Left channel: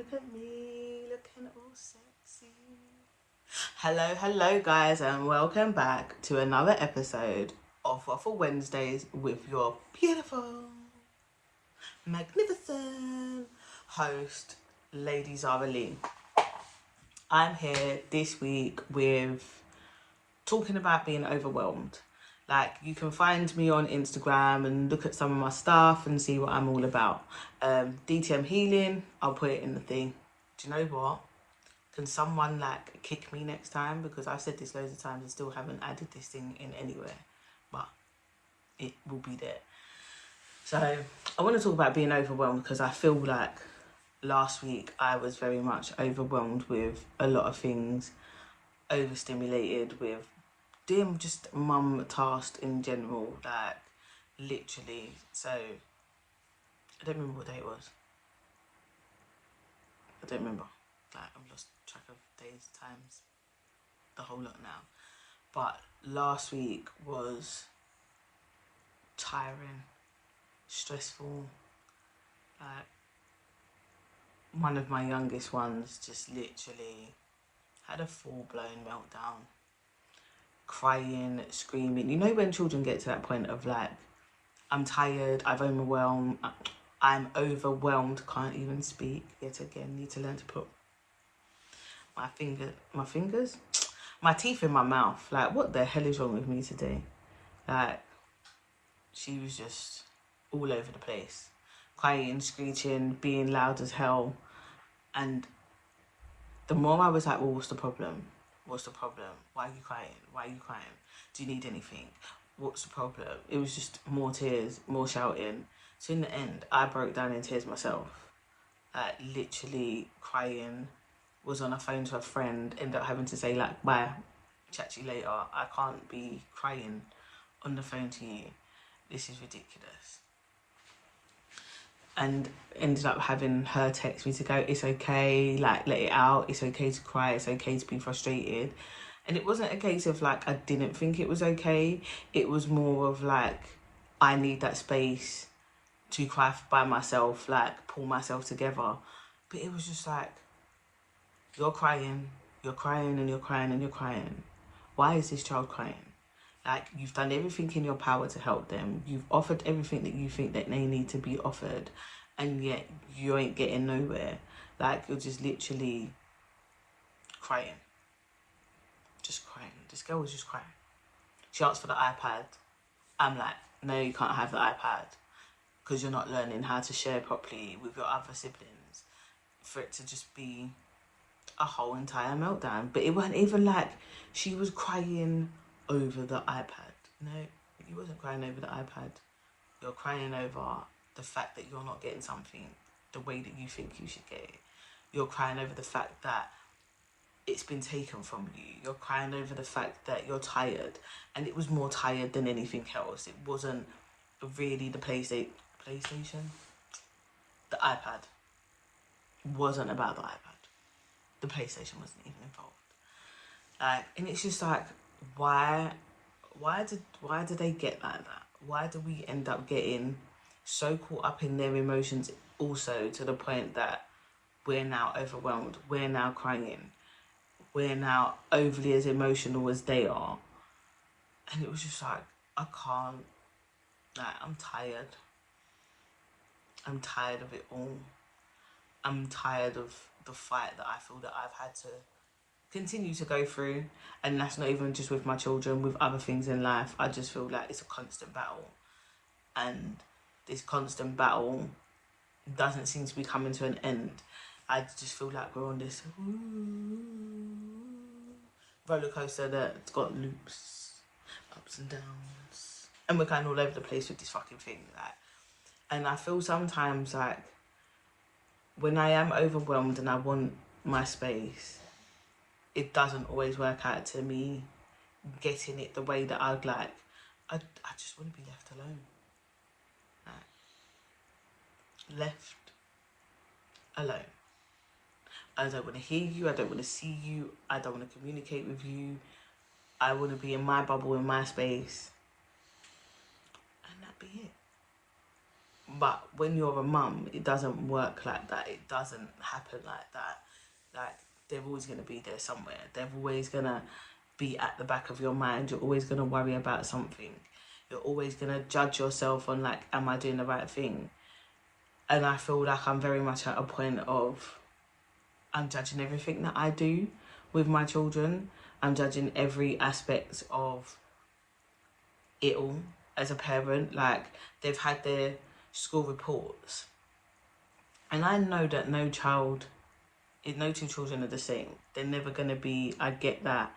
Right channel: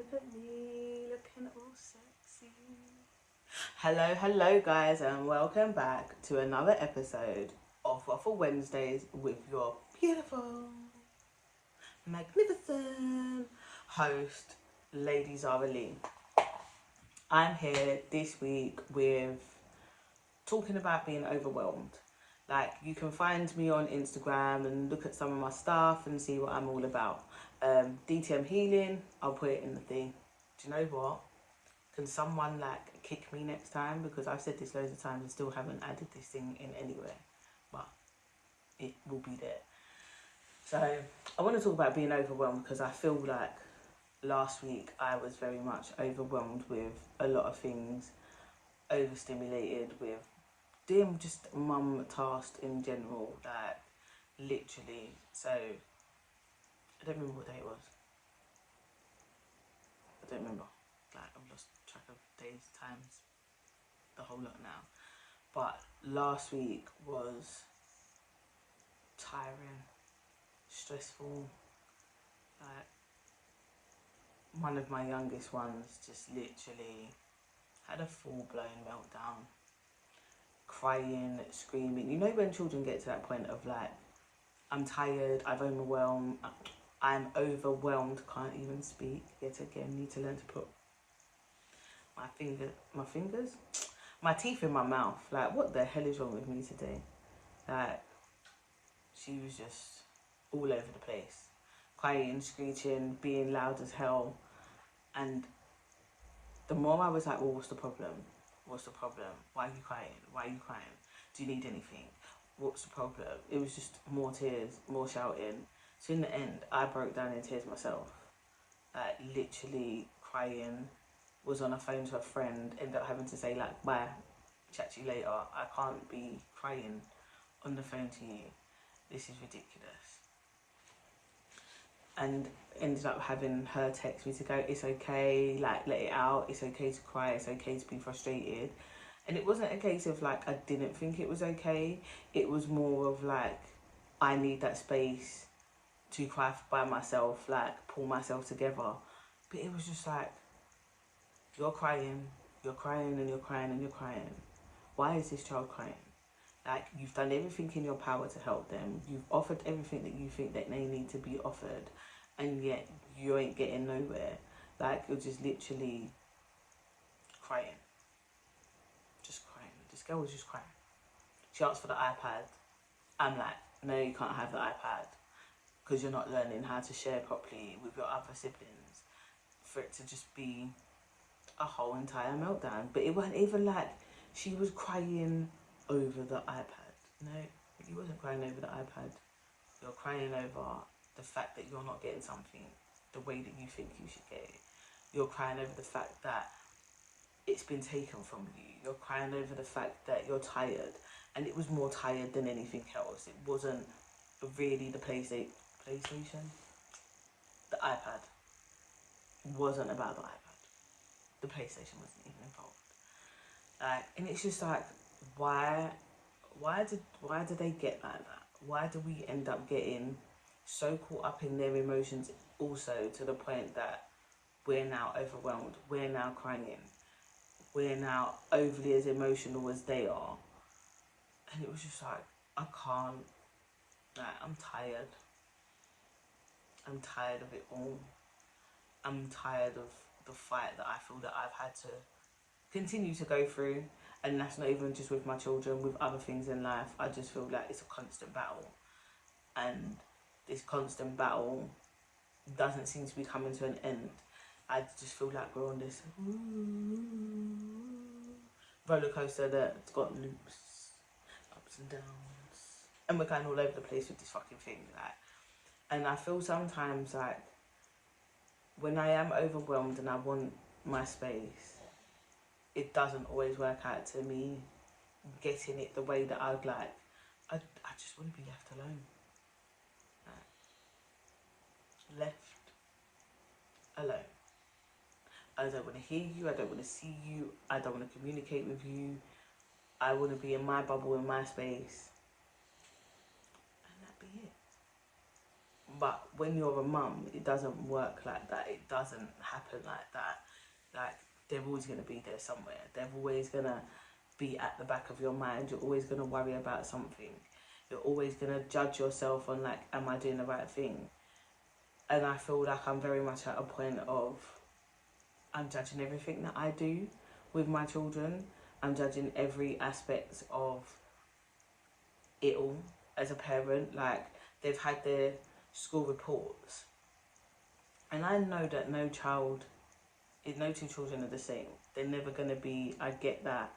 look at me, looking all sexy. Hello guys, and welcome back to another episode of Waffle Wednesdays with your beautiful, magnificent host, Lady Zara Lee. I'm here this week with talking about being overwhelmed. Like, you can find me on Instagram and look at some of my stuff and see what I'm all about. DTM healing, I'll put it in the thing. Do you know what? Can someone like kick me next time? Because I've said this loads of times and still haven't added this thing in anywhere. But it will be there. So I want to talk about being overwhelmed because I feel like last week I was very much overwhelmed with a lot of things, overstimulated with doing just mum tasks in general, like literally. So I don't remember what day it was. I don't remember. Like, I've lost track of days, times, the whole lot now. But last week was tiring, stressful. Like, one of my youngest ones just literally had a full-blown meltdown, crying, screaming. You know when children get to that point of like, I'm tired, I'm overwhelmed, can't even speak. Yet again, need to learn to put my teeth in my mouth. Like, what the hell is wrong with me today? Like, she was just all over the place, crying, screeching, being loud as hell. And the more I was like, well, what's the problem? What's the problem? Why are you crying? Why are you crying? Do you need anything? What's the problem? It was just more tears, more shouting. So in the end, I broke down in tears myself. Like, literally crying, was on a phone to a friend, ended up having to say like, bye, chat to you later. I can't be crying on the phone to you. This is ridiculous. And ended up having her text me to go, it's okay, like, let it out, it's okay to cry, it's okay to be frustrated. And it wasn't a case of like I didn't think it was okay. It was more of like, I need that space to cry by myself, like pull myself together. But it was just like, you're crying and you're crying and you're crying. Why is this child crying? Like, you've done everything in your power to help them. You've offered everything that you think that they need to be offered, and yet you ain't getting nowhere. Like, you're just literally crying. Just crying. This girl was just crying. She asked for the iPad. I'm like, no, you can't have the iPad because you're not learning how to share properly with your other siblings, for it to just be a whole entire meltdown. But it wasn't even like she was crying over the iPad. No, you wasn't crying over the iPad. You're crying over the fact that you're not getting something the way that you think you should get it. You're crying over the fact that it's been taken from you. You're crying over the fact that you're tired, and it was more tired than anything else. It wasn't really the PlayStation. The iPad wasn't about the iPad. The PlayStation wasn't even involved. Like, and it's just like, why did they get like that? Why do we end up getting so caught up in their emotions also, to the point that we're now overwhelmed, we're now crying, we're now overly as emotional as they are? And it was just like, I can't, like, I'm tired of it all. I'm tired of the fight that I feel that I've had to continue to go through, and that's not even just with my children, with other things in life. I just feel like it's a constant battle, and this constant battle doesn't seem to be coming to an end. I just feel like we're on this roller coaster that's got loops, ups and downs, and we're going all over the place with this fucking thing. Like, and I feel sometimes like when I am overwhelmed and I want my space, it doesn't always work out to me getting it the way that I'd like. I just want to be left alone. Left alone. I don't want to hear you. I don't want to see you. I don't want to communicate with you. I want to be in my bubble, in my space. And that be it. But when you're a mum, it doesn't work like that. It doesn't happen like that. Like, they're always going to be there somewhere. They're always going to be at the back of your mind. You're always going to worry about something. You're always going to judge yourself on, like, am I doing the right thing? And I feel like I'm very much at a point of, I'm judging everything that I do with my children. I'm judging every aspect of it all as a parent. Like, they've had their school reports, and I know that no two children are the same. They're never going to be, I get that.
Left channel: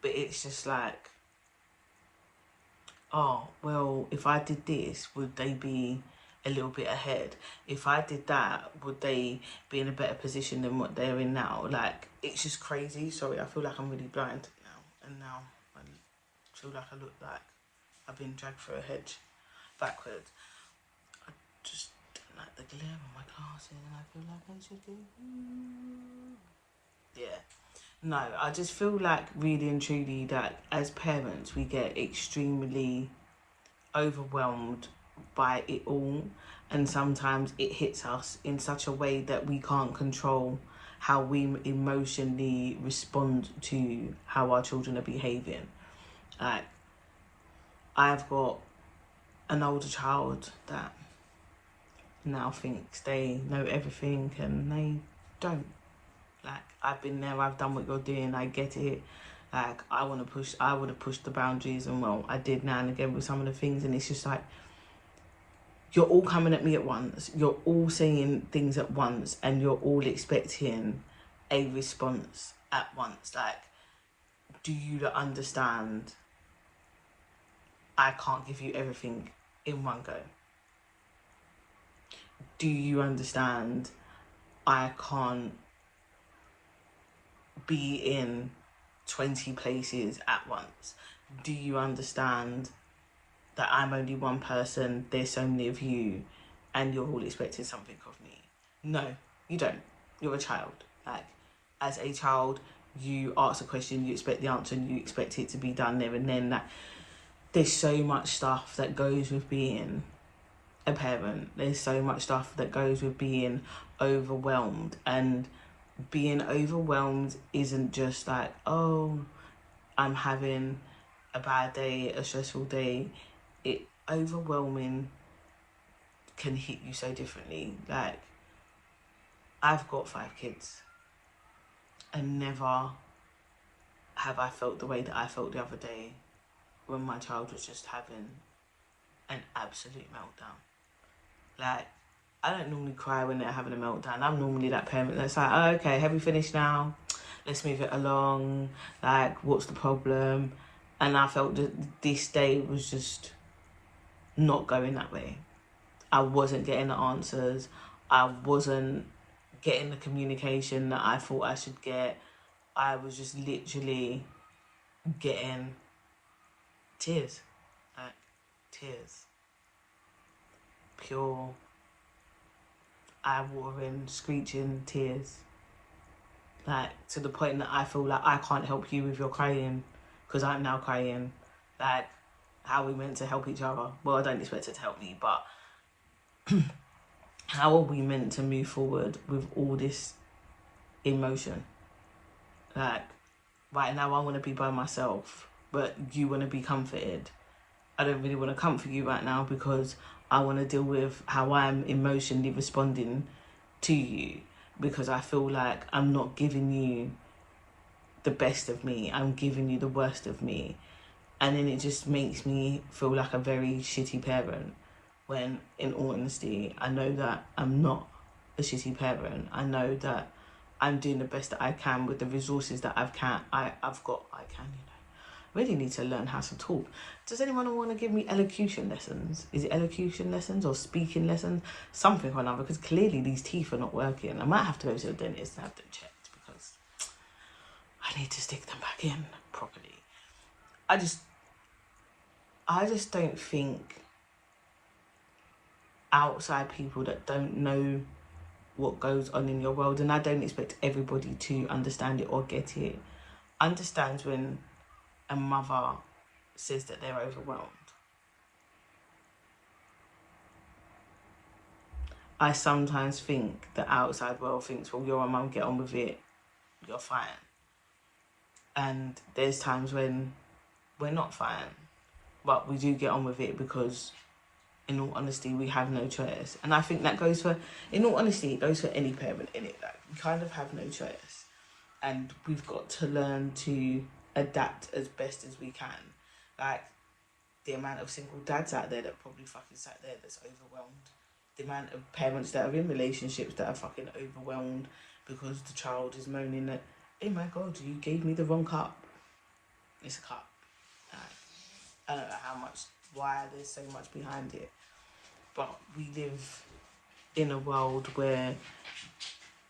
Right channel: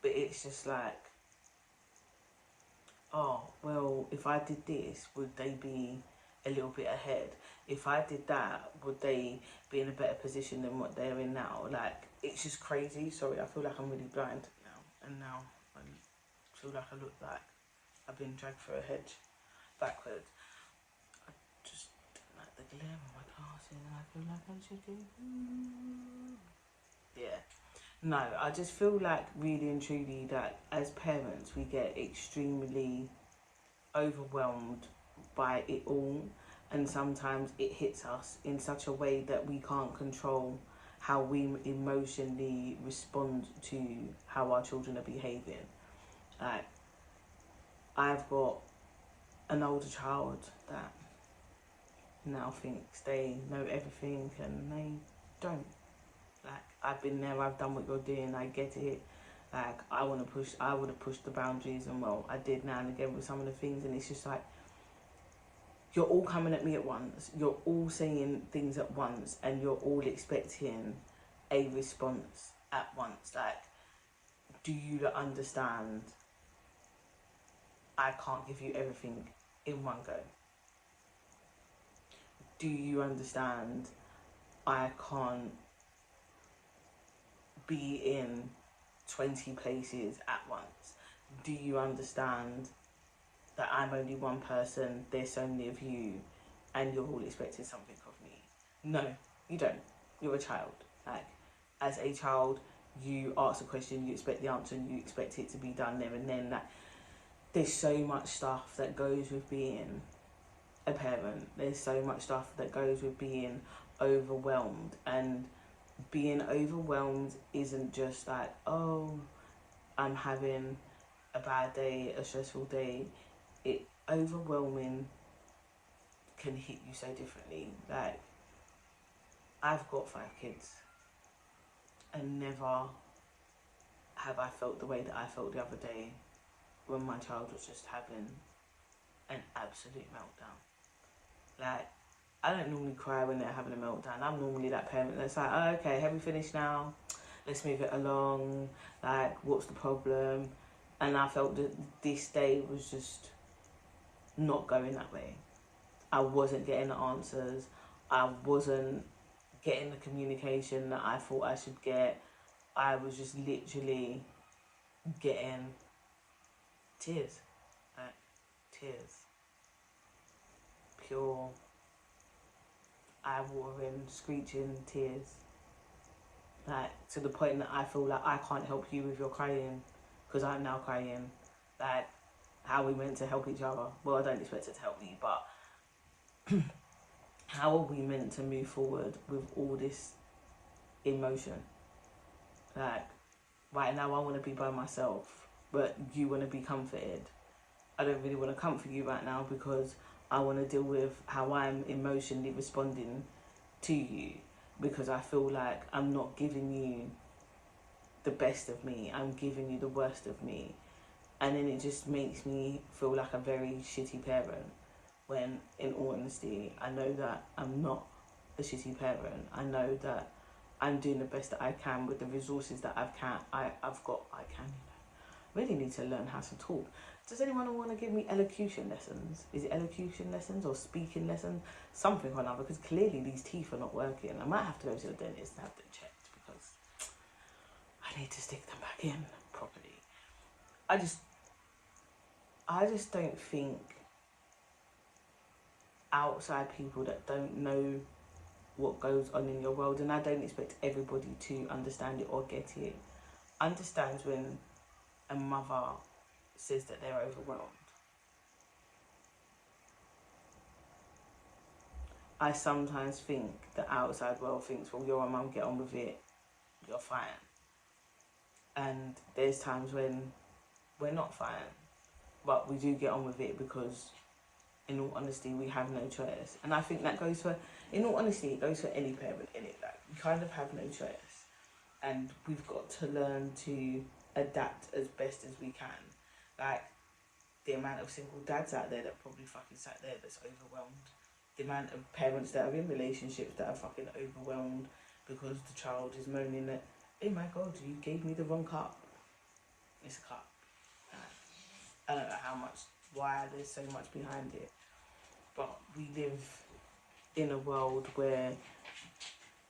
But it's just like, oh, well, if I did this, would they be a little bit ahead? If I did that, would they be in a better position than what they're in now? Like, it's just crazy. Sorry, I feel like I'm really blind now. And now I feel like I look like I've been dragged through a hedge backwards. I just don't like the glare on my glasses, and I feel like I should do... Yeah. No, I just feel like really and truly that as parents, we get extremely overwhelmed by it all, and sometimes it hits us in such a way that we can't control how we emotionally respond to how our children are behaving. Like, I've got an older child that now thinks they know everything, and they don't. Like, I've been there, I've done what you're doing, I get it. Like, I want to push the boundaries, and well, I did now and again with some of the things, and it's just like, you're all coming at me at once, you're all saying things at once, and you're all expecting a response at once. Like, do you understand I can't give you everything in one go? Do you understand I can't be in 20 places at once? Do you understand that I'm only one person, there's so many of you, and you're all expecting something of me? No, you don't. You're a child. Like, as a child, you ask a question, you expect the answer, and you expect it to be done there and then. That there's so much stuff that goes with being a parent. There's so much stuff that goes with being overwhelmed, and being overwhelmed isn't just like, oh, I'm having a bad day, a stressful day. Overwhelming can hit you so differently. Like, I've got 5 kids, and never have I felt the way that I felt the other day when my child was just having an absolute meltdown. Like, I don't normally cry when they're having a meltdown. I'm normally that parent that's like, oh, okay, have we finished now? Let's move it along. Like, what's the problem? And I felt that this day was just not going that way. I wasn't getting the answers. I wasn't getting the communication that I thought I should get. I was just literally getting tears. Like, tears. Pure, eye-watering, screeching tears. Like, to the point that I feel like I can't help you with your crying, because I'm now crying. Like, how are we meant to help each other? Well, I don't expect it to help me, but how are we meant to move forward with all this emotion? Like, right now I want to be by myself, but you want to be comforted. I don't really want to comfort you right now, because I want to deal with how I'm emotionally responding to you, because I feel like I'm not giving you the best of me, I'm giving you the worst of me. And then it just makes me feel like a very shitty parent, when in all honesty, I know that I'm not a shitty parent. I know that I'm doing the best that I can with the resources that I've got. I really need to learn how to talk. Does anyone want to give me elocution lessons? Is it elocution lessons or speaking lessons? Something or another, because clearly these teeth are not working. I might have to go to the dentist and have them checked, because I need to stick them back in properly. I just don't think outside people that don't know what goes on in your world, and I don't expect everybody to understand it or get it, understands when a mother says that they're overwhelmed. I sometimes think the outside world thinks, well, you're a mum, get on with it, you're fine. And there's times when we're not fine, but we do get on with it because, in all honesty, we have no choice. And I think that goes for, in all honesty, it goes for any parent in it. Like, we kind of have no choice. And we've got to learn to adapt as best as we can. Like, the amount of single dads out there that probably fucking sat there that's overwhelmed. The amount of parents that are in relationships that are fucking overwhelmed because the child is moaning that, oh my God, you gave me the wrong cup. It's a cup. I don't know why there's so much behind it. But we live in a world where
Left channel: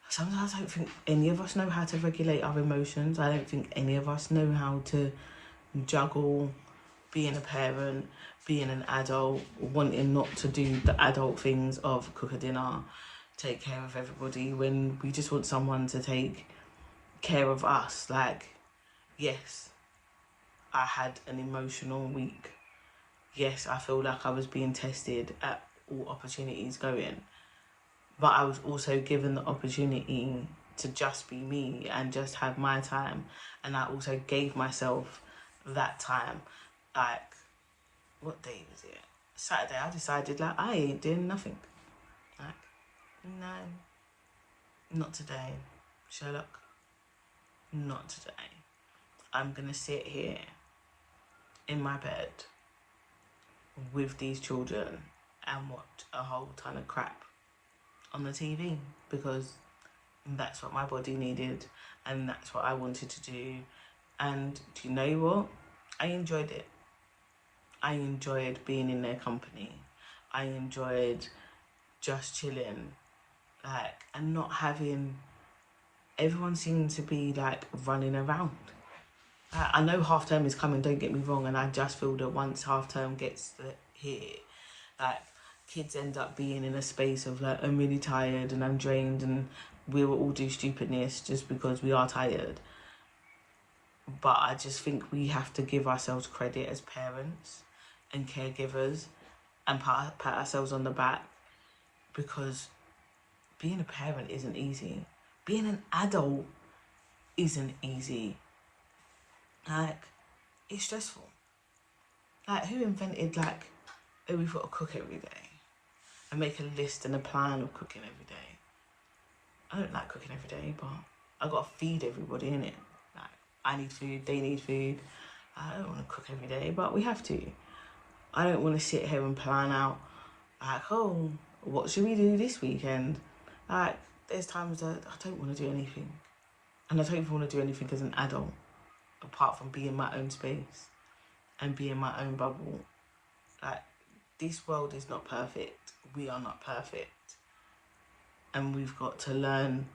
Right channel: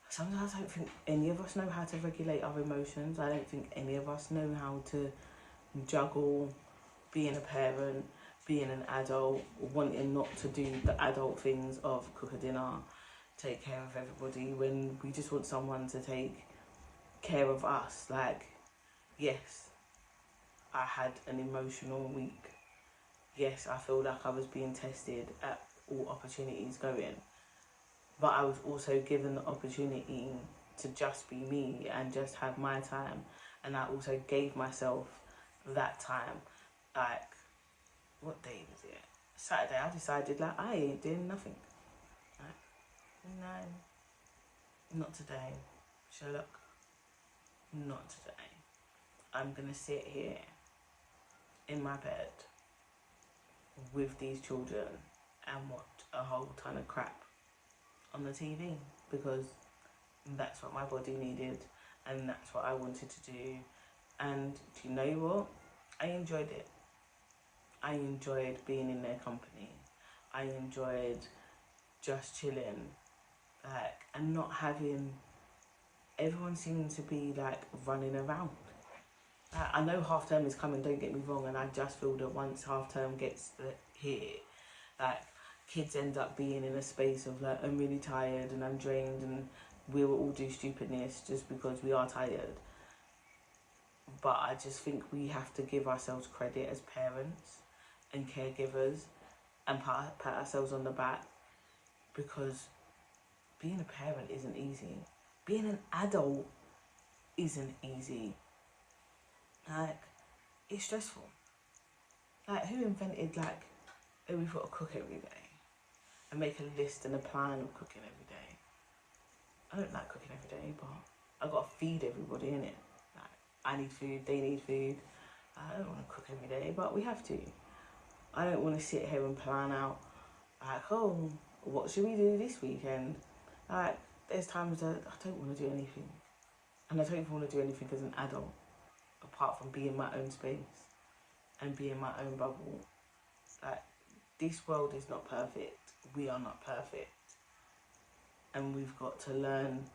sometimes I don't think any of us know how to regulate our emotions. I don't think any of us know how to juggle being a parent, being an adult, wanting not to do the adult things of cook a dinner, take care of everybody, when we just want someone to take care of us. Like, yes, I had an emotional week. Yes, I feel like I was being tested at all opportunities going, but I was also given the opportunity to just be me and just have my time. And I also gave myself that time. Like, what day was it? Saturday, I decided, like, I ain't doing nothing. Like, no, not today, Sherlock. Not today. I'm gonna sit here in my bed with these children and watch a whole ton of crap on the TV because that's what my body needed and that's what I wanted to do. And do you know what? I enjoyed it. I enjoyed being in their company. I enjoyed just chilling, like, and not having everyone seem to be like running around. I know half term is coming, don't get me wrong, and I just feel that once half term gets here, like, kids end up being in a space of like, I'm really tired and I'm drained, and we will all do stupidness just because we are tired. But I just think we have to give ourselves credit as parents and caregivers and pat ourselves on the back, because being a parent isn't easy. Being an adult isn't easy. Like, it's stressful. Like, who invented, like, oh, we've got to cook every day and make a list and a plan of cooking every day? I don't like cooking every day, but I got to feed everybody, innit? Like, I need food, they need food. I don't want to cook every day, but we have to. I don't want to sit here and plan out, like, oh, what should we do this weekend? Like, there's times that I don't want to do anything. And I don't even want to do anything as an adult, apart from be in my own space and be in my own bubble. Like, this world is not perfect. We are not perfect. And we've got to learn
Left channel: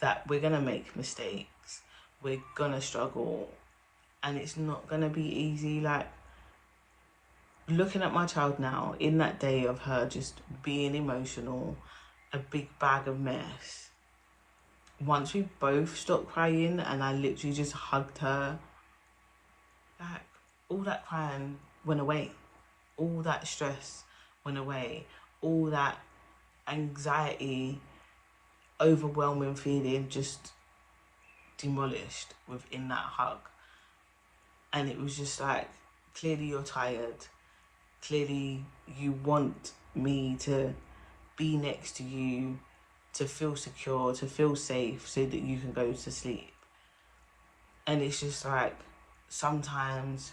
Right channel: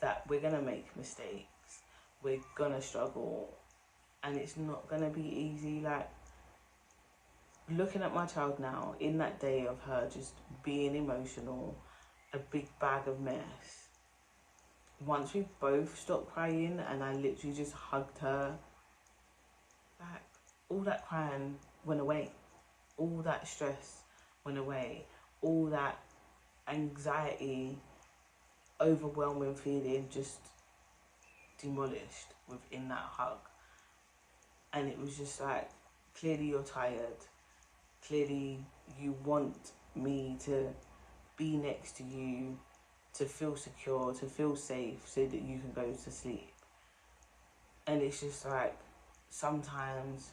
that we're going to make mistakes. We're going to struggle. And it's not going to be easy. Like, looking at my child now, in that day of her just being emotional, a big bag of mess, once we both stopped crying and I literally just hugged her, like, all that crying went away. All that stress went away. All that anxiety, overwhelming feeling just demolished within that hug. And it was just like, clearly you're tired. Clearly you want me to be next to you, to feel secure, to feel safe, so that you can go to sleep. And it's just like, sometimes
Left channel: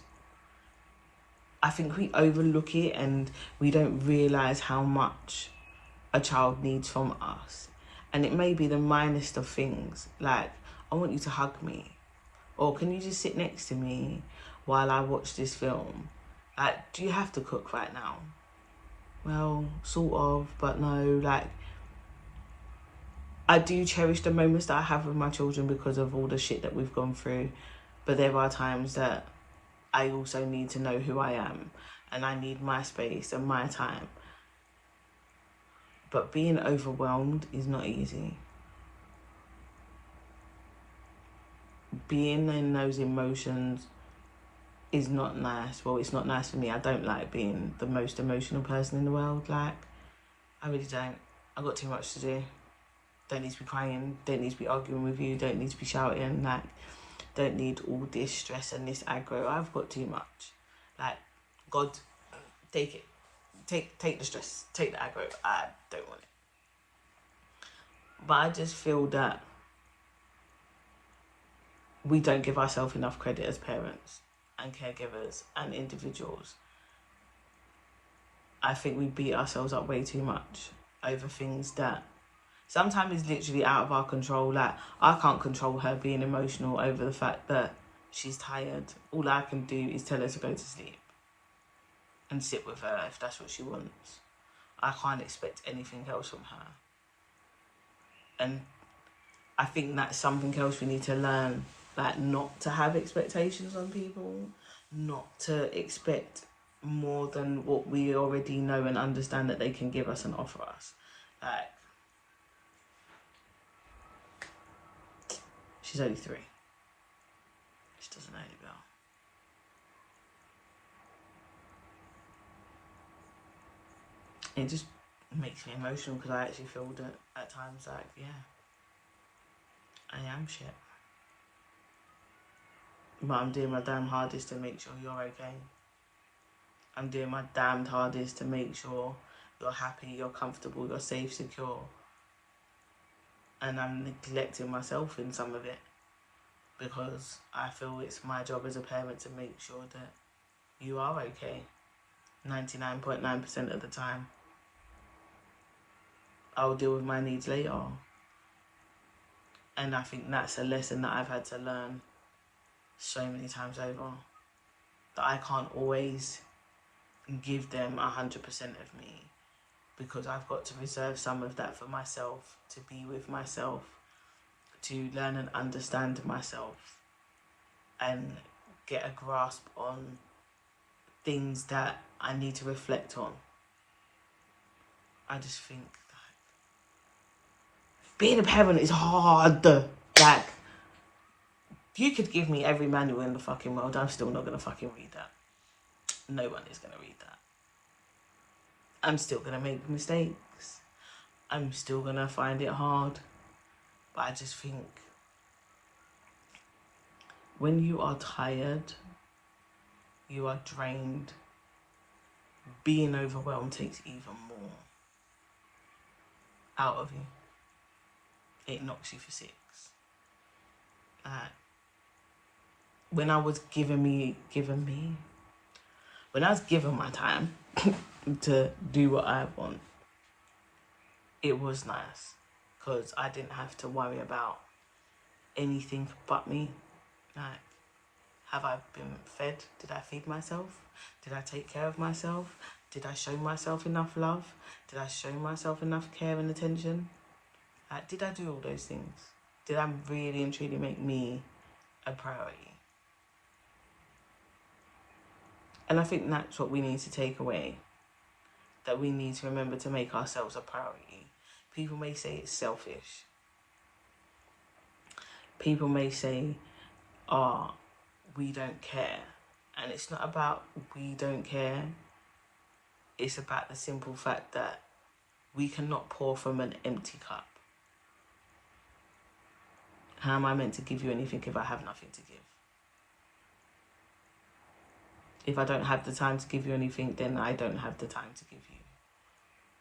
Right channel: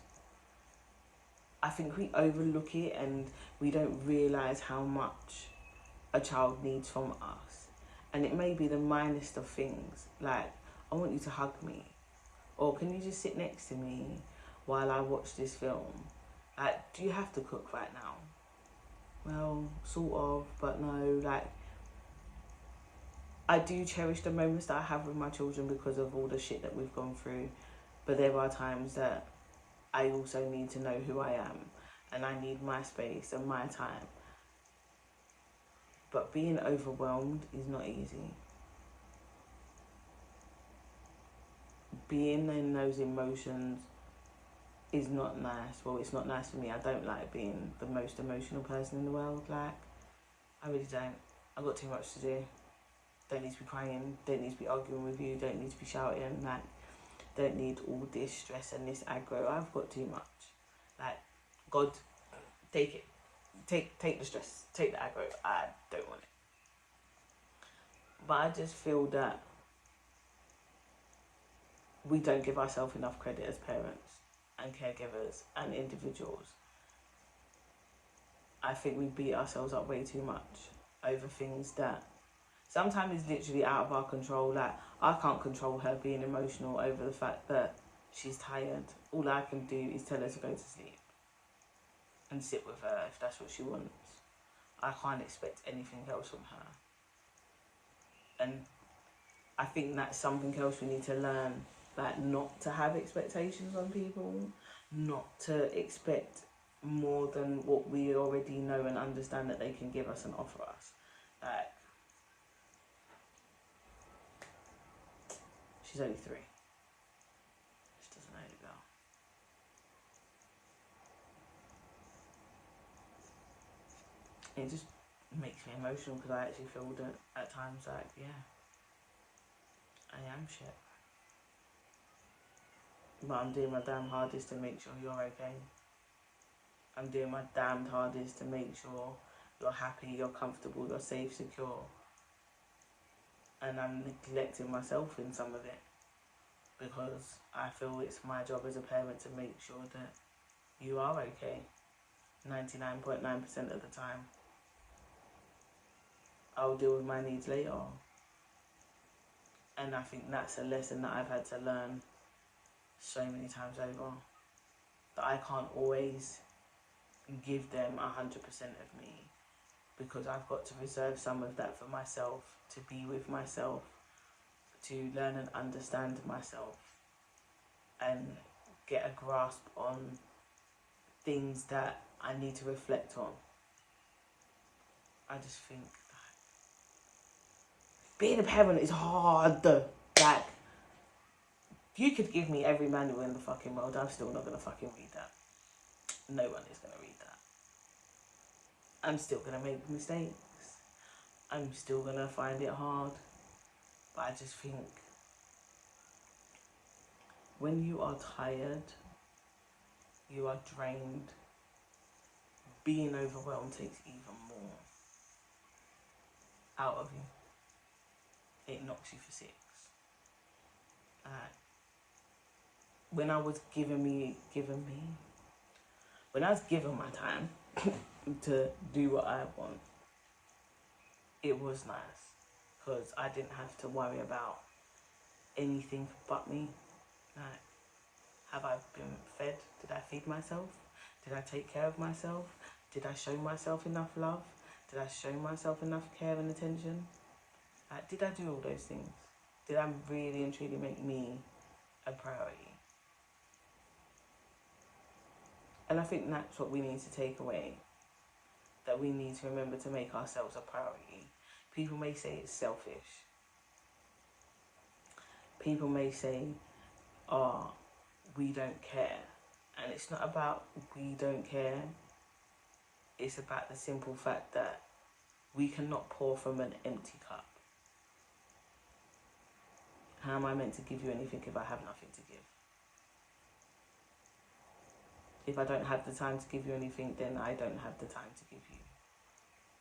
I think we overlook it and we don't realise how much a child needs from us. And it may be the minest of things, like, I want you to hug me, or can you just sit next to me while I watch this film? Like, do you have to cook right now? Well, sort of, but no. Like, I do cherish the moments that I have with my children because of all the shit that we've gone through, but there are times that I also need to know who I am and I need my space and my time. But being overwhelmed is not easy. Being in those emotions is not nice. Well, it's not nice for me. I don't like being the most emotional person in the world. Like, I really don't. I've got too much to do. Don't need to be crying, don't need to be arguing with you, don't need to be shouting, like, don't need all this stress and this aggro. I've got too much. Like, God, take it. Take the stress, take the aggro. I don't want it. But I just feel that we don't give ourselves enough credit as parents and caregivers and individuals. I think we beat ourselves up way too much over things that sometimes is literally out of our control. Like, I can't control her being emotional over the fact that she's tired. All I can do is tell her to go to sleep and sit with her if that's what she wants. I can't expect anything else from her. And I think that's something else we need to learn, like, not to have expectations on people, not to expect more than what we already know and understand that they can give us and offer us. Like, she's only 3. She doesn't know any better. It just makes me emotional because I actually feel that at times, like, yeah, I am shit. But I'm doing my damn hardest to make sure you're okay. I'm doing my damned hardest to make sure you're happy, you're comfortable, you're safe, secure. And I'm neglecting myself in some of it because I feel it's my job as a parent to make sure that you are okay 99.9% of the time. I'll deal with my needs later. And I think that's a lesson that I've had to learn so many times over, that I can't always give them 100% of me, because I've got to reserve some of that for myself, to be with myself, to learn and understand myself, and get a grasp on things that I need to reflect on. I just think that being a parent is hard. Like, you could give me every manual in the fucking world, I'm still not gonna fucking read that. No one is gonna read that. I'm still gonna make mistakes. I'm still gonna find it hard. But I just think when you are tired, you are drained, being overwhelmed takes even more out of you. It knocks you for 6. When I was given my time to do what I want, it was nice because I didn't have to worry about anything but me. Like, have I been fed? Did I feed myself? Did I take care of myself? Did I show myself enough love? Did I show myself enough care and attention? Like, did I do all those things? Did I really and truly make me a priority? And I think that's what we need to take away. That we need to remember to make ourselves a priority. People may say it's selfish. People may say, oh, we don't care. And it's not about we don't care. It's about the simple fact that we cannot pour from an empty cup. How am I meant to give you anything if I have nothing to give? If I don't have the time to give you anything, then I don't have the time to give you.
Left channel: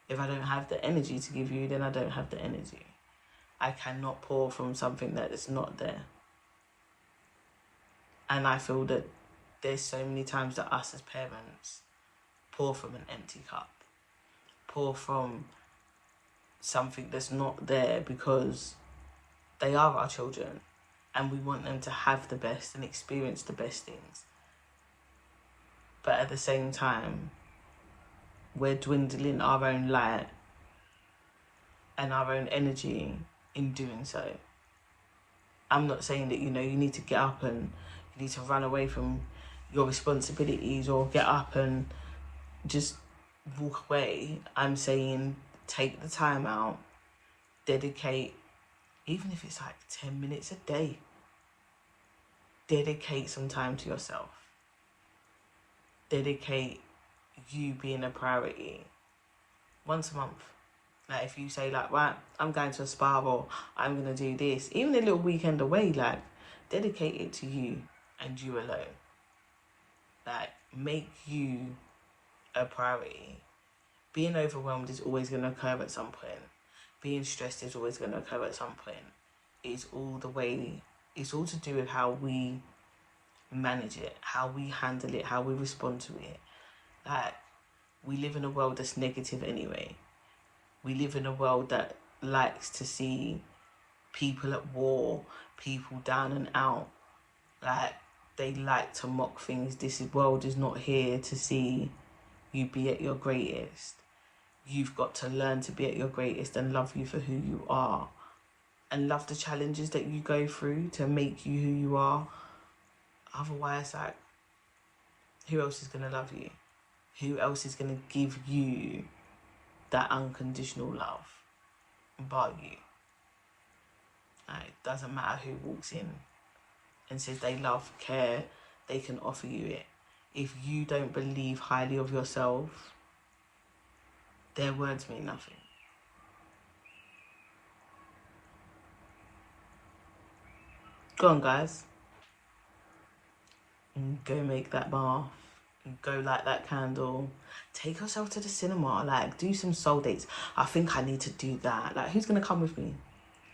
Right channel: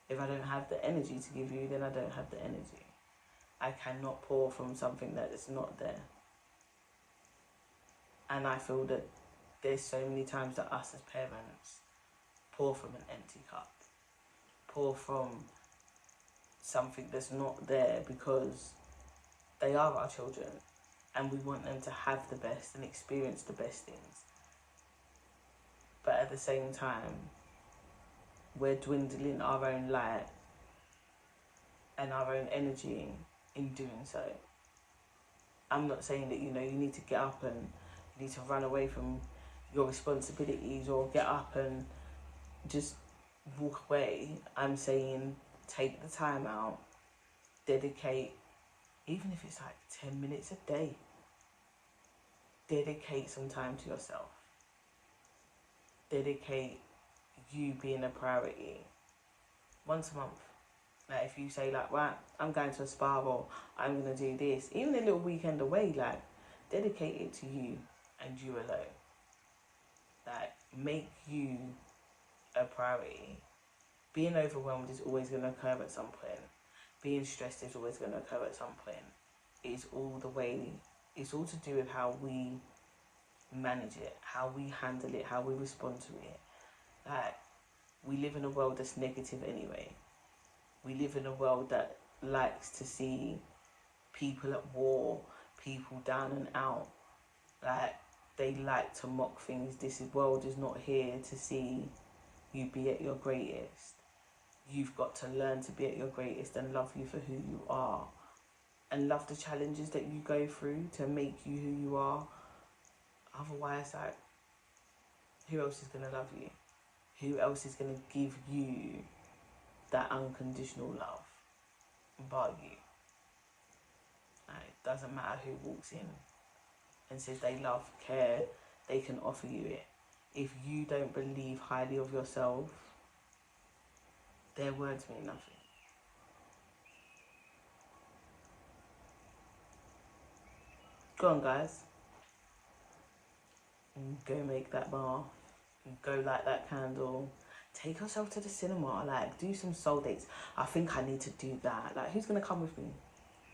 If I don't have the energy to give you, then I don't have the energy. I cannot pour from something that is not there. And I feel that there's so many times that us as parents pour from an empty cup. Pour from something that's not there because they are our children and we want them to have the best and experience the best things. But at the same time, we're dwindling our own light and our own energy in doing so. I'm not saying that, you need to get up and you need to run away from your responsibilities or get up and just walk away. I'm saying take the time out, dedicate, even if it's like 10 minutes a day, dedicate some time to yourself. Dedicate you being a priority once a month. Like if you say like, right, I'm going to a spa, or I'm gonna do this, even a little weekend away, like dedicate it to you and you alone. Like make you a priority. Being overwhelmed is always gonna occur at some point. Being stressed is always gonna occur at some point. It's all the way. It's all to do with how we manage it, how we handle it, how we respond to it. Like we live in a world that's negative anyway. We live in a world that likes to see people at war, people down and out. Like they like to mock things. This world is not here to see you be at your greatest. You've got to learn to be at your greatest and love you for who you are, and love the challenges that you go through to make you who you are. Otherwise, like, who else is going to love you? Who else is going to give you that unconditional love but you? Like, it doesn't matter who walks in and says they love, care, they can offer you it. If you don't believe highly of yourself, their words mean nothing. Go on, guys. Go make that bath. Go light that candle. Take yourself to the cinema. Like, do some soul dates. I think I need to do that. Like, who's going to come with me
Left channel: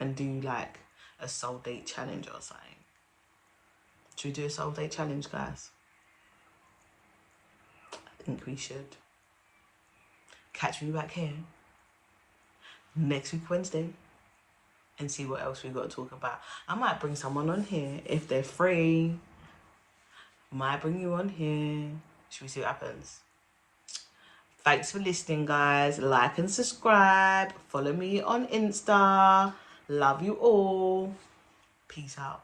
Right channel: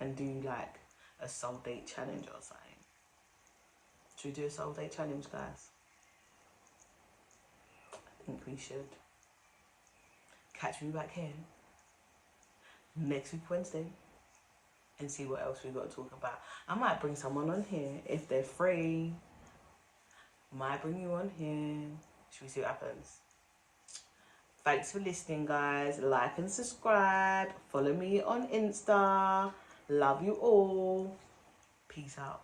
and do, like, a soul date challenge or something? Should we do a soul date challenge, guys? I think we should. Catch me back here next week, Wednesday, and see what else we got to talk about. I might bring someone on here if they're free. Might bring you on here. Should we see what happens? Thanks for listening, guys. Like and subscribe. Follow me on Insta. Love you all. Peace out.